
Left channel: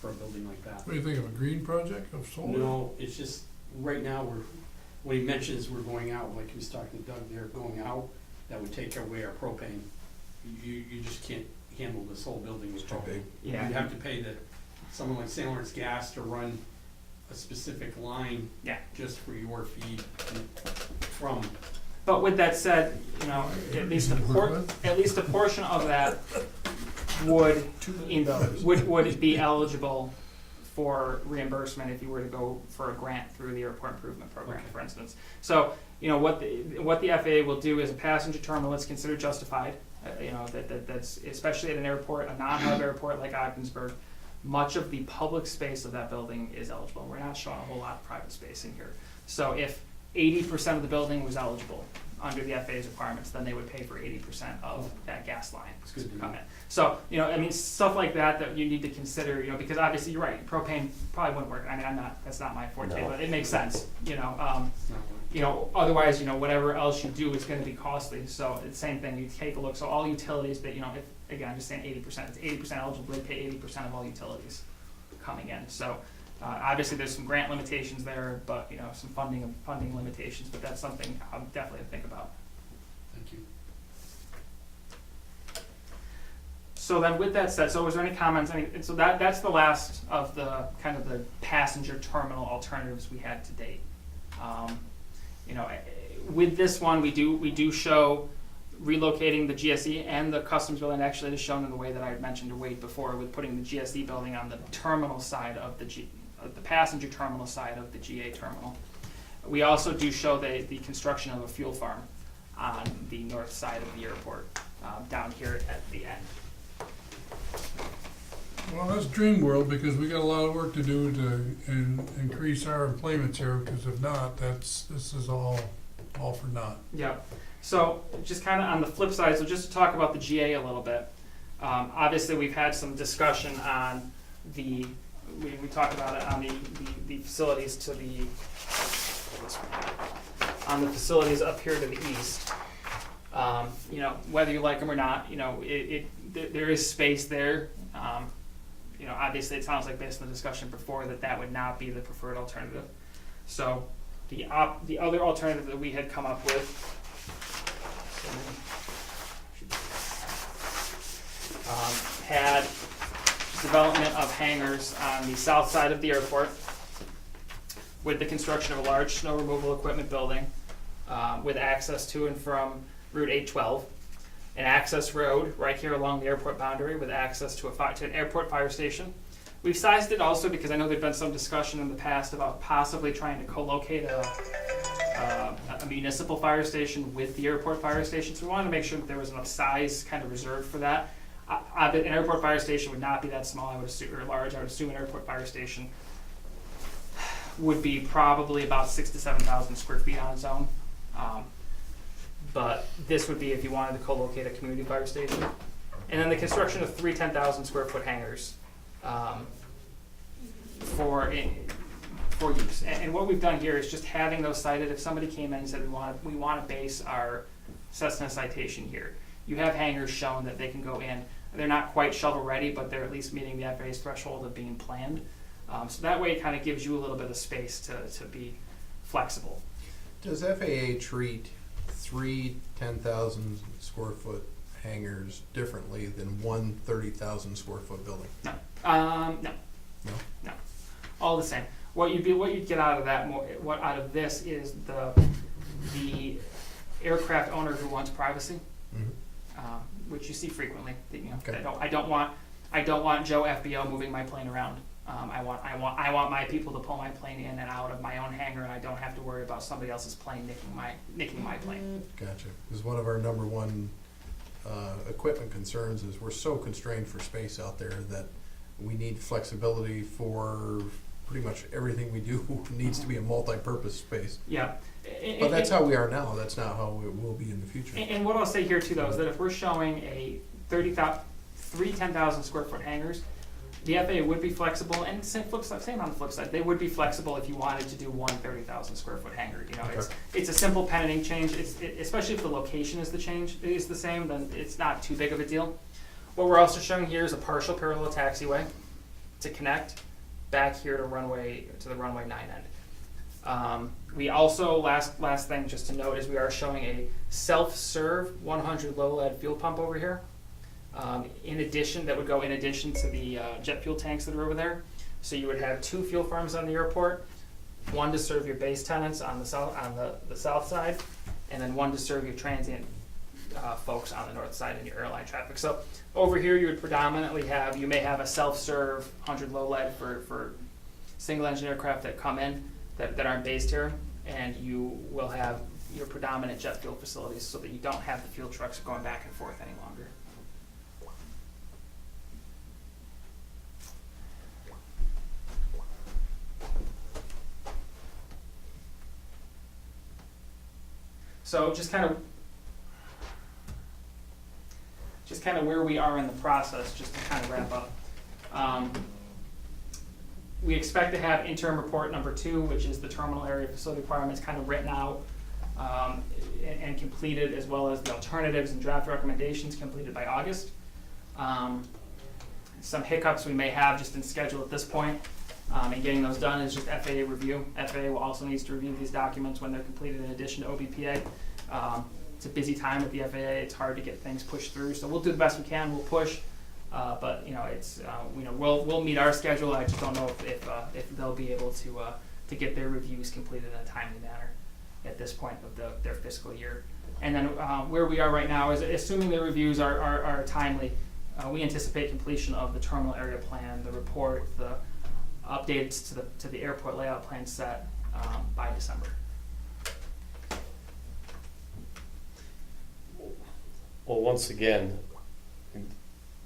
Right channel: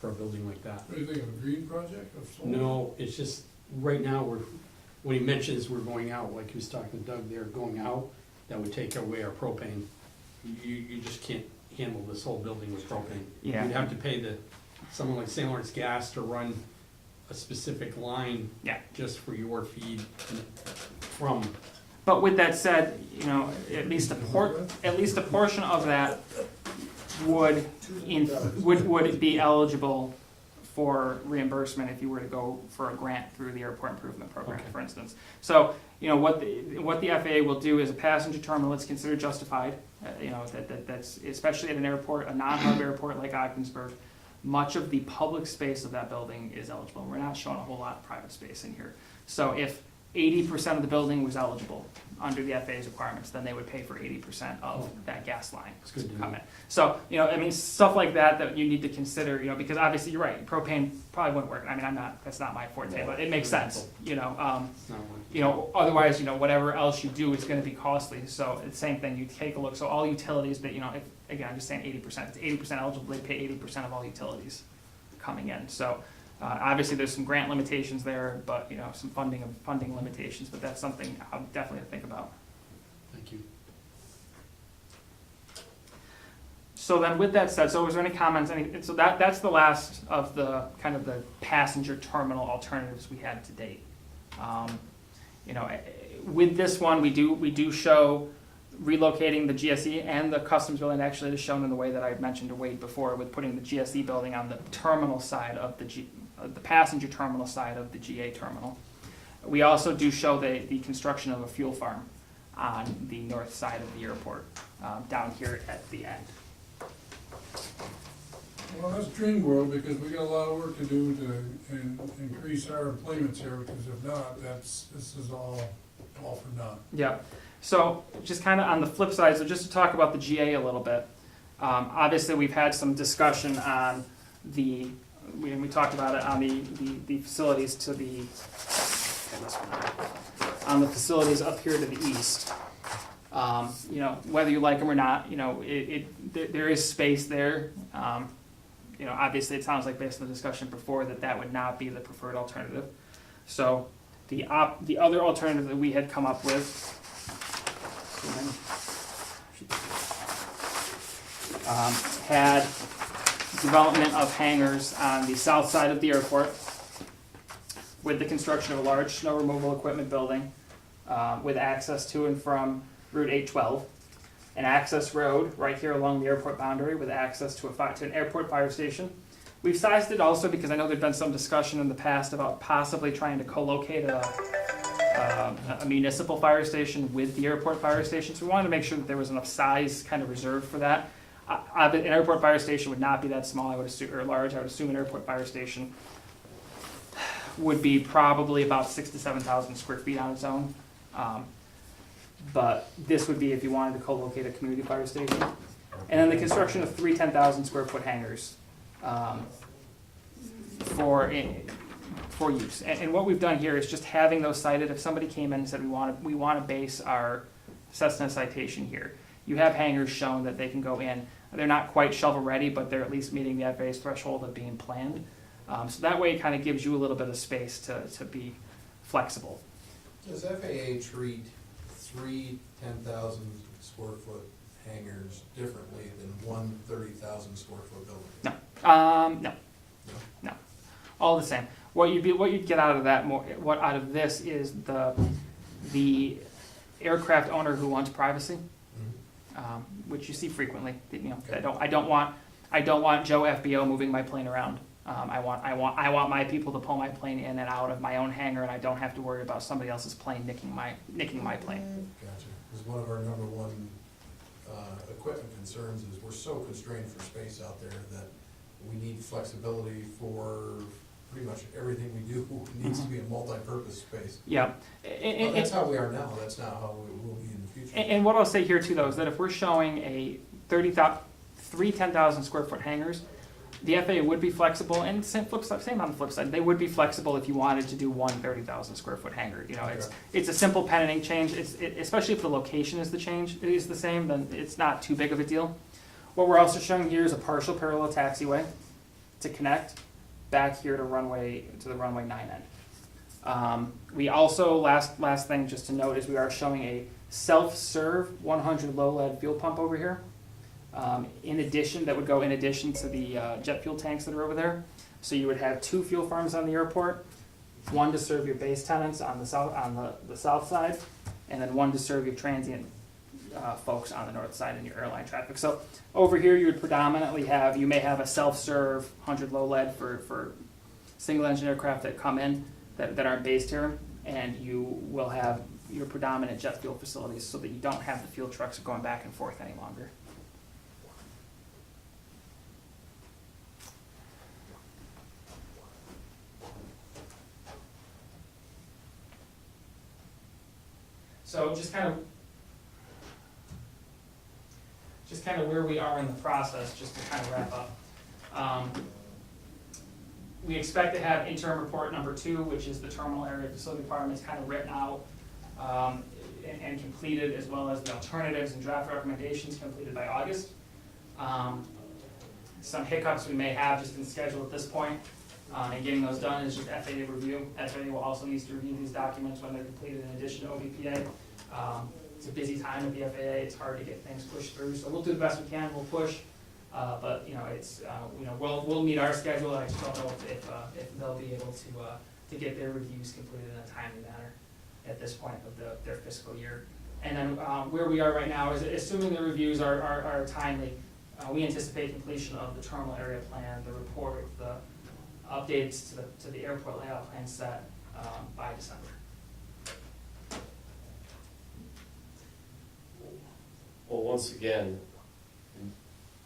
for a building like that? What do you think of a green project of solar? No, it's just, right now, when he mentions we're going out, like he was talking to Doug, they're going out, that would take away our propane. You just can't handle this whole building with propane. Yeah. You'd have to pay someone like St. Lawrence Gas to run a specific line. Yeah. Just for your feed from. But with that said, you know, at least a portion of that would be eligible for reimbursement if you were to go for a grant through the Airport Improvement Program, Okay. for instance. So, you know, what the FAA will do is a passenger terminal that's considered justified. You know, that's especially at an airport, a non-hub airport like Ogdensburg. Much of the public space of that building is eligible. We're not showing a whole lot of private space in here. So if 80% of the building was eligible under the FAA's requirements, then they would pay for 80% of that gas line It's to good to come know. in. So, you know, I mean, stuff like that you need to consider, you know, because obviously you're right, propane probably wouldn't work. I mean, that's not my forte, No. but it makes sense, you know. It's not one. You know, otherwise, you know, whatever else you do is gonna be costly. So it's the same thing, you take a look, so all utilities that, you know, if, again, I'm just saying 80%, it's 80% eligible, they pay 80% of all utilities coming in. So, obviously, there's some grant limitations there, but, you know, some funding limitations, but that's something I'll definitely think about. Thank you. So then with that said, so was there any comments, so that's the last of the kind of the passenger terminal alternatives we had to date. You know, with this one, we do show relocating the GSE and the customs building. Actually, it is shown in the way that I mentioned to Wade before, with putting the GSE building on the terminal side of the passenger terminal side of the GA terminal. We also do show the construction of a fuel farm on the north side of the airport, down here at the end. Well, that's dream world, because we got a lot of work to do to increase our employment here, because if not, this is all for naught. Yeah. So just kind of on the flip side, so just to talk about the GA a little bit. Obviously, we've had some discussion on we talked about it on the facilities on the facilities up here to the east. You know, whether you like them or not, you know, there is space there. You know, obviously, it sounds like based on the discussion before that would not be the preferred alternative. So the other alternative that we had come up with had development of hangars on the south side of the airport with the construction of a large snow removal equipment building with access to and from Route 812, an access road right here along the airport boundary with access to an airport fire station. We've sized it also because I know there's been some discussion in the past about possibly trying to co-locate a municipal fire station with the airport fire station. So we wanted to make sure that there was enough size kind of reserved for that. An airport fire station would not be that small, I would assume, or large. I would assume an airport fire station would be probably about 6,000 to 7,000 square feet on its own. But this would be if you wanted to co-locate a community fire station. And then the construction of 3 10,000 square foot hangars for use. And what we've done here is just having those cited. If somebody came in and said we want to base our Cessna citation here, you have hangars shown that they can go in. They're not quite shovel ready, but they're at least meeting the FAA's threshold of being planned. So that way it kind of gives you a little bit of space to be flexible. Does FAA treat 3 10,000 square foot hangars differently than one 30,000 square foot building? No. No? All the same. What you'd get out of that out of this is the aircraft owner who wants privacy, which you see frequently. Okay. I don't want Joe FBO moving my plane around. I want my people to pull my plane in and out of my own hangar, and I don't have to worry about somebody else's plane nicking my plane. Gotcha. Because one of our number one equipment concerns is we're so constrained for space out there that we need flexibility for pretty much everything we do needs to be a multi-purpose space. Yeah. But that's how we are now. That's not how it will be in the future. And what I'll say here too, though, is that if we're showing three 10,000 square foot hangars, the FAA would be flexible, and same on the flip side, they would be flexible if you wanted to do one 30,000 square foot hangar. Okay. It's a simple penning change. Especially if the location is the same, then it's not too big of a deal. What we're also showing here is a partial parallel taxiway to connect back here to the runway 9 end. We also, last thing just to note, is we are showing a self-serve 100 low lead fuel pump over here. That would go in addition to the jet fuel tanks that are over there. So you would have 2 fuel farms on the airport, one to serve your base tenants on the south side, and then one to serve your transient folks on the north side in your airline traffic. So over here you would predominantly you may have a self-serve 100 low lead for single engine aircraft that come in that aren't based here, and you will have your predominant jet fuel facilities so that you don't have the fuel trucks going back and forth any longer. So just kind of where we are in the process, just to kind of wrap up. We expect to have interim report number 2, which is the terminal area facility requirements, kind of written out and completed, as well as the alternatives and draft recommendations completed by August. Some hiccups we may have just in schedule at this point, and getting those done is just FAA review. FAA will also need to review these documents when they're completed in addition to OBPA. It's a busy time with the FAA. It's hard to get things pushed through, so we'll do the best we can. We'll push, but it's we'll meet our schedule. I just don't know if they'll be able to get their reviews completed in a timely manner at this point of their fiscal year. And then where we are right now is, assuming the reviews are timely, we anticipate completion of the terminal area plan, the report, the updates to the airport layout plan set by December. Well, once again,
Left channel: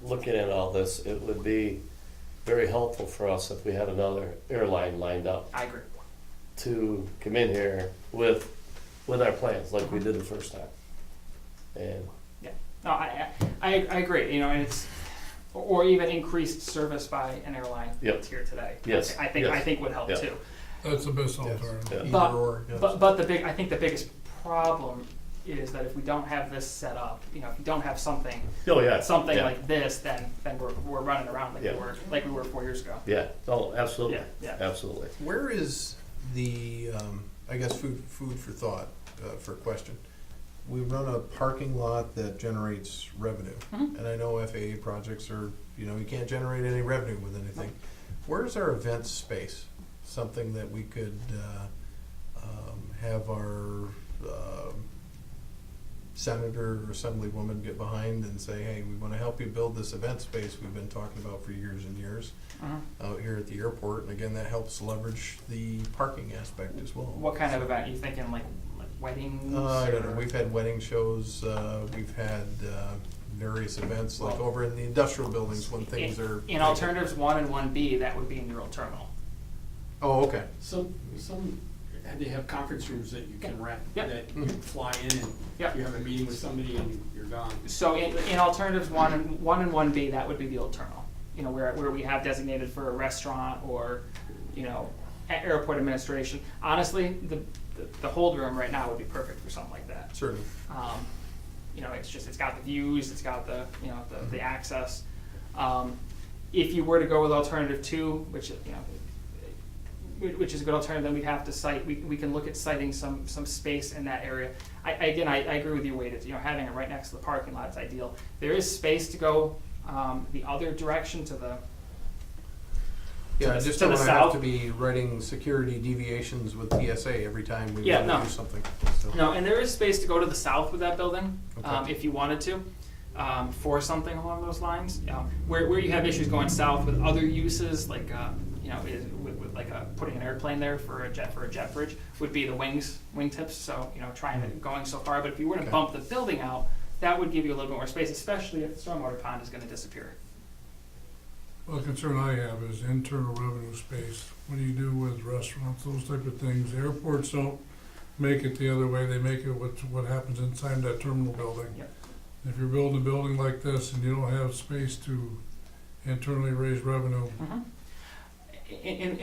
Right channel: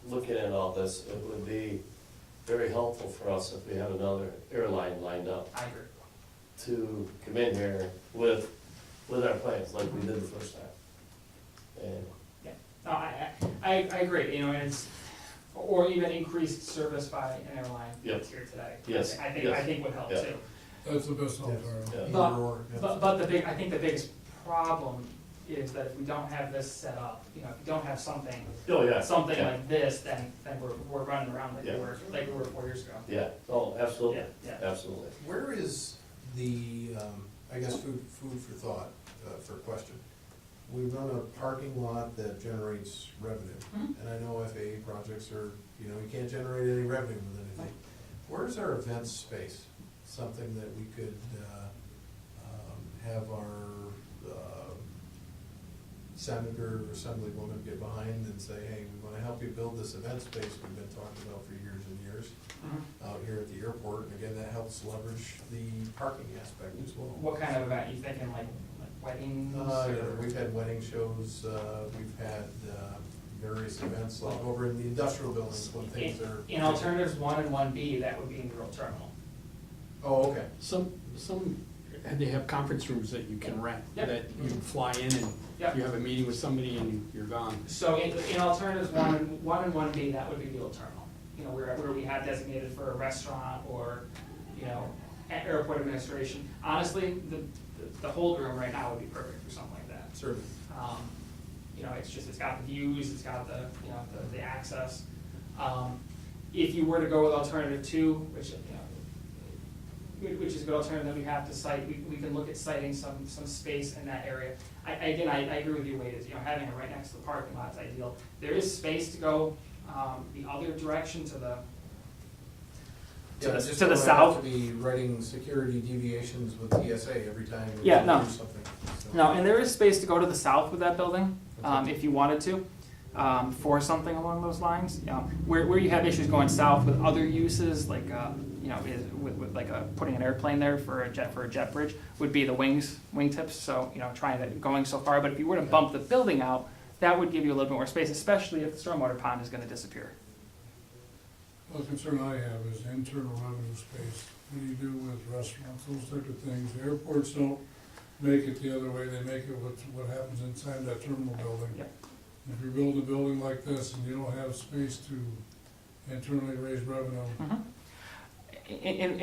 looking at all this, it would be very helpful for us if we had another airline lined up I agree. to come in here with our plans like we did the first time. And No, I agree. And it's, or even increased service by an airline that's here today. Yes, I think would help Yeah. too. That's the best alternative. Yeah. Either But- or, yes. But I think the biggest problem is that if we don't have this set up, if you don't have something yeah. like this, then we're running around Yeah. like we were 4 years ago. Yeah, oh, absolutely, Yeah. absolutely. Where is the, I guess, food for thought, for question? We run a parking lot that generates revenue, Mhm. and I know FAA projects are, you can't generate any revenue with anything. Where's our event space? Something that we could have our senator or assemblywoman get behind and say, hey, we want to help you build this event space we've been talking about for years and years out here at the airport. And again, that helps leverage the parking aspect as well. What kind of event? Are you thinking like weddings? I don't know. We've had wedding shows. We've had various events like over in the industrial buildings when things are. In alternatives 1 and 1B, that would be in your old terminal. Oh, okay. Some they have conference rooms that you can rent, Yep. that you can fly in and Yep. you have a meeting with somebody and you're gone. So in alternatives 1 and 1B, that would be the old terminal. Where we have designated for a restaurant or, airport administration. Honestly, the hold room right now would be perfect for something like that. Certainly. It's got the views, it's got the access. If you were to go with alternative 2, which is a good alternative, then we'd have to cite. We can look at citing some space in that area. I agree with your weight. Having it right next to the parking lot is ideal. There is space to go the other direction to the Yeah, I the- just to don't the wanna have south. to be writing security deviations with TSA every time we Yeah, wanna no. do something, so. No, and there is space to go to the south with that building, Okay. if you wanted to, for something along those lines. Where you have issues going south with other uses, like, with like putting an airplane there for a jet bridge, would be the wingtips, so, trying to, going so far. But if you were to Okay. bump the building out, that would give you a little bit more space, especially if the stormwater pond is gonna disappear. Well, the concern I have is internal revenue space. What do you do with restaurants, those type of things? The airports don't make it the other way, they make it with what happens inside that terminal building. Yeah. If you're building a building like this and you don't have space to internally raise revenue, And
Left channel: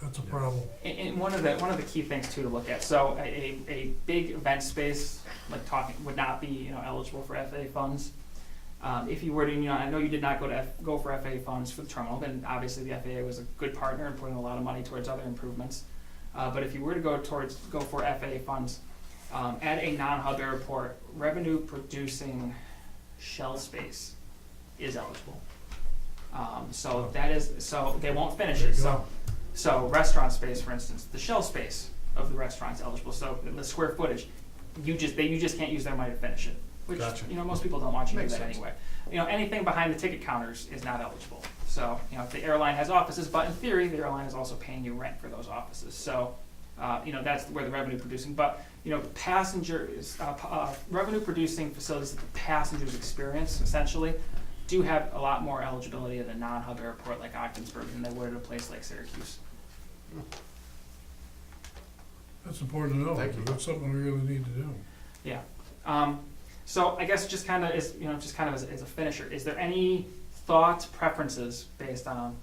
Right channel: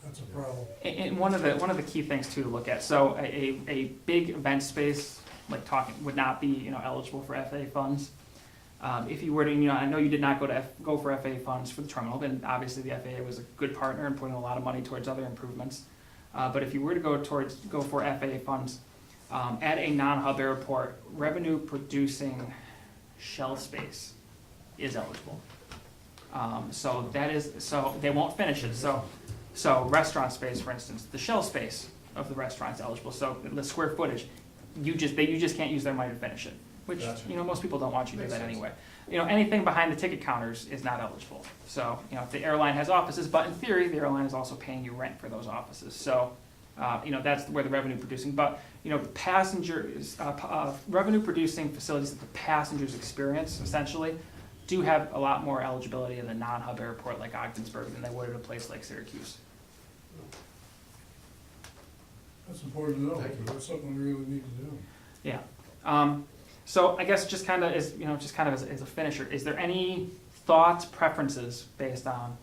that's a problem. And one of the key things too to look at, so a big event space, like talking, would not be, eligible for FAA funds. If you were to, I know you did not go for FAA funds for the terminal, and obviously the FAA was a good partner in putting a lot of money towards other improvements. But if you were to go for FAA funds, at a non-hub airport, revenue producing shell space is eligible. So they won't finish it, so restaurant space, for instance, the shell space of the restaurant's eligible, so the square footage, you just can't use their money to finish it, which, Gotcha. Most people don't want you to do Makes that sense. anyway. Anything behind the ticket counters is not eligible, so, if the airline has offices, but in theory, the airline is also paying you rent for those offices, so, that's where the revenue producing, but, passengers, revenue producing facilities that the passengers experience, essentially, do have a lot more eligibility at a non-hub airport like Ogdensburg than they would at a place like Syracuse. That's important to know, Thank you. because that's something we really need to do. Yeah. So I guess just kind of as a finisher, is there any thoughts, preferences based on,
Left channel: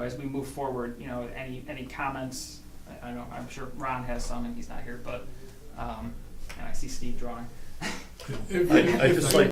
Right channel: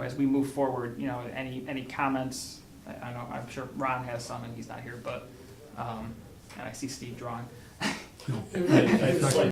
as we move forward, any comments? I know, I'm sure Ron has some and he's not here, but, and I see Steve drawing. If- I just like